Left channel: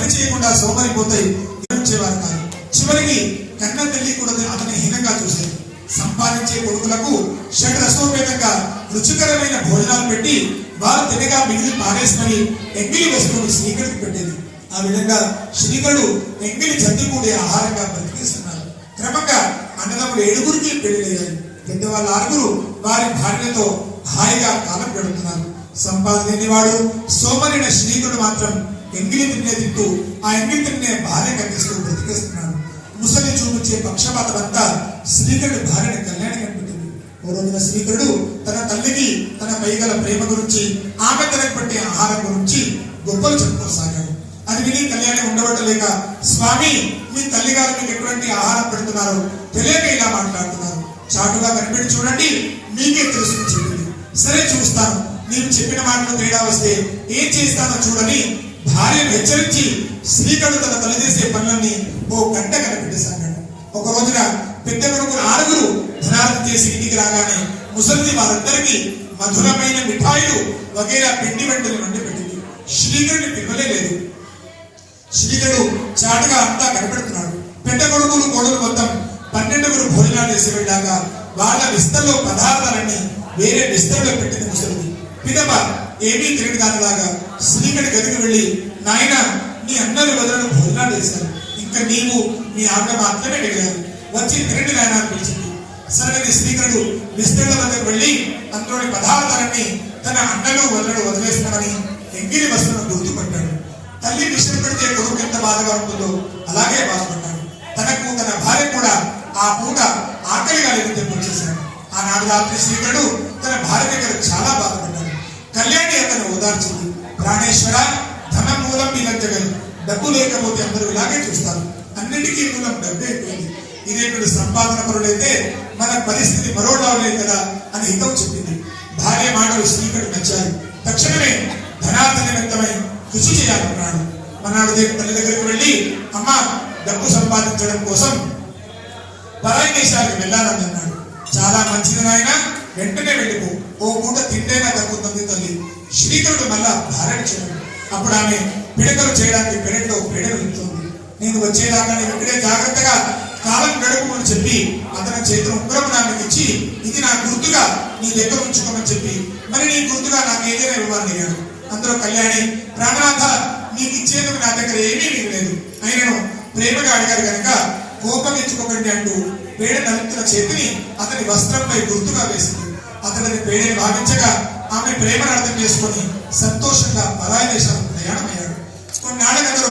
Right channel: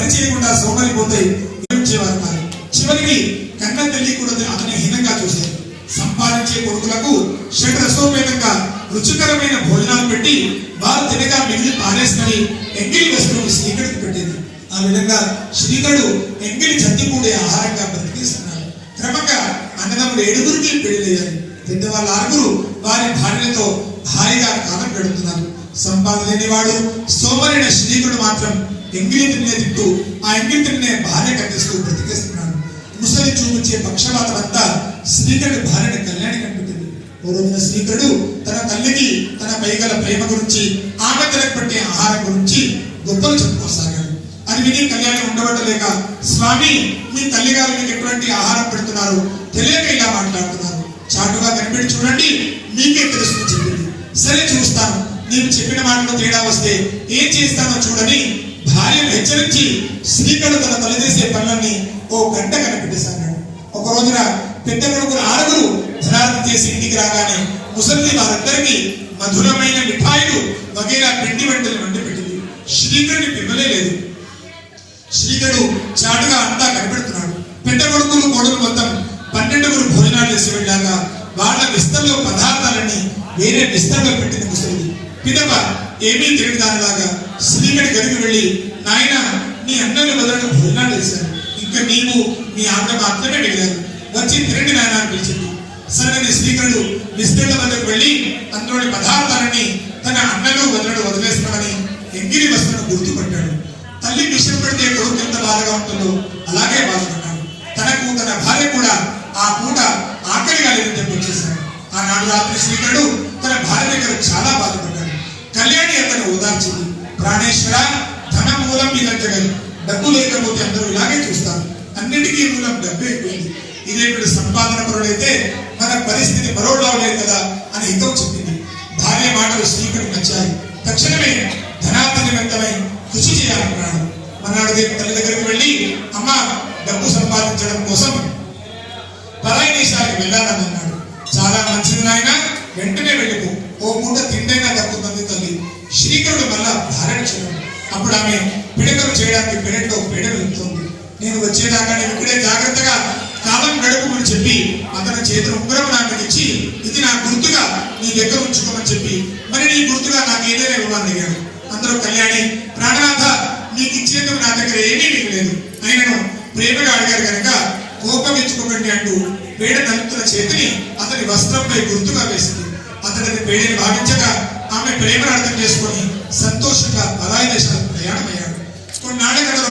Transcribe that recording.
పని చేయకుండా సోమరిపోతాయి ఉపయోగించేవారు కాదు. చివరికి కన్న తల్లి కూడా అతని హీనంగా చూశారు. సంపాదించే కొడుకులకు షడ్రసోపేతంగా రుచికరమైన భోజనాలు పెట్టి వారు తినగా మిగిలి పారేసుకొని ఎంగిలి వస్తువులు శ్రీకడికి పెట్టేది. ఆ విధంగా శ్రీకడు ఎంగిలి జంతి కూడే ఆహారంగా బ్రతికిస్తున్నారు. క్రమంగా అన్నదమ్ముడు 7గురికి పెళ్లియ్యారు. పెద్దవాళ్ళ 6గురు వారి భార్యలతో హాయిగా కాలం గడుపుతున్నారు. సంపాదన లేనివాడు సోమరైన శ్రీకుడు మాత్రం ఎంగిలి తినే తింటూ ఆ ఎంగిలి తినే భార్య కట్టిస్తూ బ్రతికేస్తున్నాడు. ముసలి చూపించే పక్షపాతం అంతా శ్రీకరుడు భార్యని కళ్యాణి కనిపెట్టింది. ఓ రోజున శ్రీకరుడు తన తల్లికి తన పైగల ప్రేమ గురించి ఆమె తనకు పట్టే ఆహారం గురించి గొప్పలు చెప్పుకోసాగాడు. అది విని కళ్యాణి ఉండబట్టలేక, స్వామి మీ తల్లి గారు మీకు ఎటువంటి ఆహారం పెడుతున్నారు తెలియక ఇలా మాట్లాడుతున్నారు, చాటుగా కనిపెట్టి చూడండి మీకే తెలుస్తుంది చెప్పింది. సరే చూస్తాను, నీవు చెప్పిన మాటలో తేడా వస్తే ఏం చేస్తానో చూడని భార్యను హెచ్చరించి శ్రీకరుడు తన తల్లి చేసే పనులన్నీ ఓ గంట కనిపెట్టేశాడు. ఒక రోజున పెద్ద కొడుకులు 6గురు ధనార్థం చేసి ఇంటికి రాగానే ముసలిది వారందరికీ మధురమైన మిఠాయిలు వగేరా పిండి వంటలు వండి పెట్టింది. శ్రీకరుడిని పిమ్మలే లేదు. శ్రీకరుడు చాటుగా అంతా కనిపెడుతున్నాడు. పెద్ద కొడుకులు కోడలు మొత్తం 12గురు భోజనాలు చేసి వెళ్ళాక వాళ్ళ విస్తల్లో పదార్థాలన్నీ వేరే విస్తల్లో పెట్టింది ముసలిది. పిదప ఏమీ తెలియని దానిలాగా శ్రీకరుడి గదికి వెళ్ళి, నాయన నీ అన్నలు వదలను భోజనాలు చేశారు, ఇంకా నీవు మీ ఆజ్ఞ మాత్రమే వెళ్ళారు, వచ్చి తిరండి నాయన అని పిలిచింది. సరే శ్రీకరుడు విస్తరణ వద్దకు వెళ్ళి అందులోని పదార్థాలన్నీ తన అన్నలు వదలను వదిలేస్తామని ఎంగిలి వస్తువును గుర్తుపట్టాడు. తల్లి విషయం పెడితే కొడుకు ఎంత బాధగా ఉంటుందో అలాగే బాధపడ్డాడు. తనకు తన భార్య కూడా ఆ పూట ఆకలిగా లేదని చెప్పి వచ్చేసాడు. ఆనాడు రాత్రి శ్రీకరుడు తన భార్య దగ్గర చాలా బాధపడ్డాడు. కళ్యాణి అతను ఓదార్చింది. ప్రాణేశ్వర, ధనం మూలం మీ దగ్గర, డబ్బు లేకపోతే అందరూ ఇలాగే చూస్తారు, అన్నిటికీ మూలం డబ్బే అయిపోయింది. ఇదే మీరు సంపాదన పరుడైతే మన పరిస్థితి మరోలా లేదు కదా అని హితవు చెప్పింది. భార్య మాటలు శ్రీకరుడు నచ్చాయి. తక్షణమే ధనార్థ నిమిత్తమై కృషి చేయాలనుకున్నాడు. మనాడు తల్లి దగ్గరికి వెళ్ళి, అమ్మ డబ్బు సంపాదించడం కోసం పరాయి దేశాలకు వెళ్ళాలని అన్నాడు. చాలా మంచిది నాయన, వెంటనే వెళ్ళిపో, ఓ పూట తిండైనా దక్కుతుంది తల్లి. శ్రీకరుడు మళ్ళా భార్యను చూడు. అప్పుడు ఆమె పిడకలు చేయడానికి పెరట్లో పీడ వెళ్తుంది. నేను వచ్చేదాకా నేను ఇక్కడే జాగ్రత్తగా కాలం గడుపుమని చెప్పి అతని చేతులు ఉంగరం నాకు ఇచ్చి, ఇది నా గుర్తుగా నీ దగ్గర ఉంచుకోమని చెప్పి మరి నీ గుర్తుగా నాకు ఏదైనా ఇవ్వాలని అడిగాడు. అందరూ కళ్యాణి, ప్రాణనాథ నీకు ఇచ్చేందుకు నా దగ్గర ఏమీ మిగలేదు, ఆయనను ప్రేమగా అడిగారు కనుక కోపం ఇచ్చుకోకండి అంటూ పేడ నలుపుతున్న చేతిని అతని వస్త్రంపై గుర్తుగా వేసింది. అతడిని పేడని భావించగా ఆమె ప్రేమను అర్థం చేసుకొని సంతోషంగా పరాయి దేశాలకు ప్రయాణమయ్యాడు. కొన్నాళ్ళ